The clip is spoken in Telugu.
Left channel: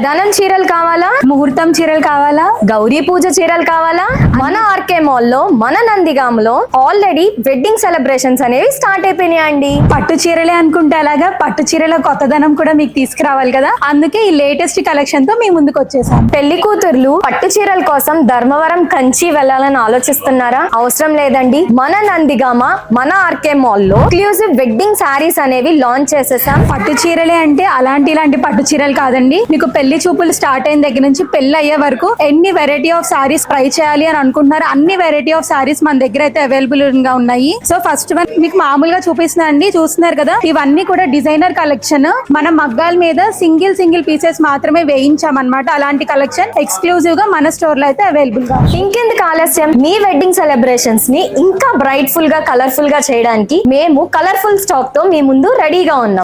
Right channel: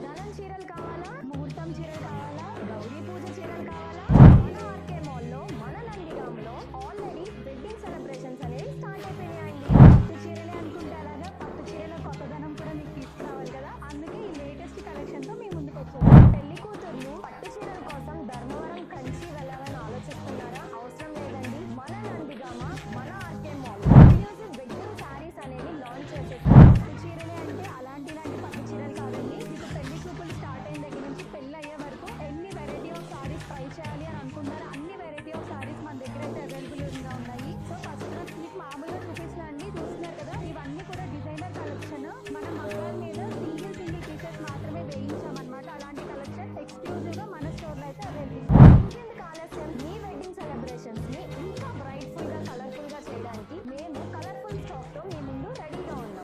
కళ్యాణం చీరలు కావాలా, ముహూర్తం చీరలు కావాలా, గౌరీ పూజ చీరలు కావాలా? మన ఆర్కే మాల్లో మన నందిగాంలో ఆల్రెడీ వెడ్డింగ్ సెలబ్రేషన్స్ అనేవి స్టార్ట్ అయిపోయినాయండి. పట్టు చీరలే అనుకుంటే అలాగా పట్టు చీరల కొత్తదనం కూడా మీకు తీసుకురావాలి కదా, అందుకే ఈ లేటెస్ట్ కలెక్షన్ తో మీ ముందుకు వచ్చేసాం. పెళ్లి కూతుర్లు పట్టు చీరల కోసం ధర్మవరం కంచి వెళ్ళాలని ఆలోచిస్తున్నారా? అవసరం లేదండి. మన నందిగామ మన ఆర్కే మాల్లో ఎక్స్క్లూజివ్ వెడ్డింగ్ శారీస్ అనేవి లాంచ్ చేసేసాం. పట్టు చీరలే అంటే ఇలాంటి పట్టు చీరలు కాదండి. మీకు పెళ్లి చూపులు స్టార్ట్ అయిన దగ్గర నుంచి పెళ్లి అయ్యే వరకు ఎన్ని వెరైటీ ఆఫ్ సారీస్ ట్రై చేయాలి అని అనుకుంటున్నారు, అన్ని వెరైటీ ఆఫ్ సారీస్ మన దగ్గర అయితే అవైలబుల్ గా ఉన్నాయి. సో ఫస్ట్ వన్ మీకు మామూలుగా చూపిస్తున్నా అండి, చూస్తున్నారు కదా, ఇవన్నీ కూడా డిజైనర్ కలెక్షన్. మన మగ్గాల మీద సింగిల్ పీసెస్ మాత్రమే వేయించామన్నమాట. అలాంటి కలెక్షన్ ఎక్స్క్లూజివ్ గా మన స్టోర్ లో అయితే అవైలబుల్ గా. ఇంకెందుకు ఆలస్యం, మీ వెడ్డింగ్ సెలబ్రేషన్స్ ని ఇంకా బ్రైట్ఫుల్ గా కలర్ఫుల్ గా చేయడానికి మేము కలర్ఫుల్ స్టాక్ తో మీ ముందు రెడీగా ఉన్నాం.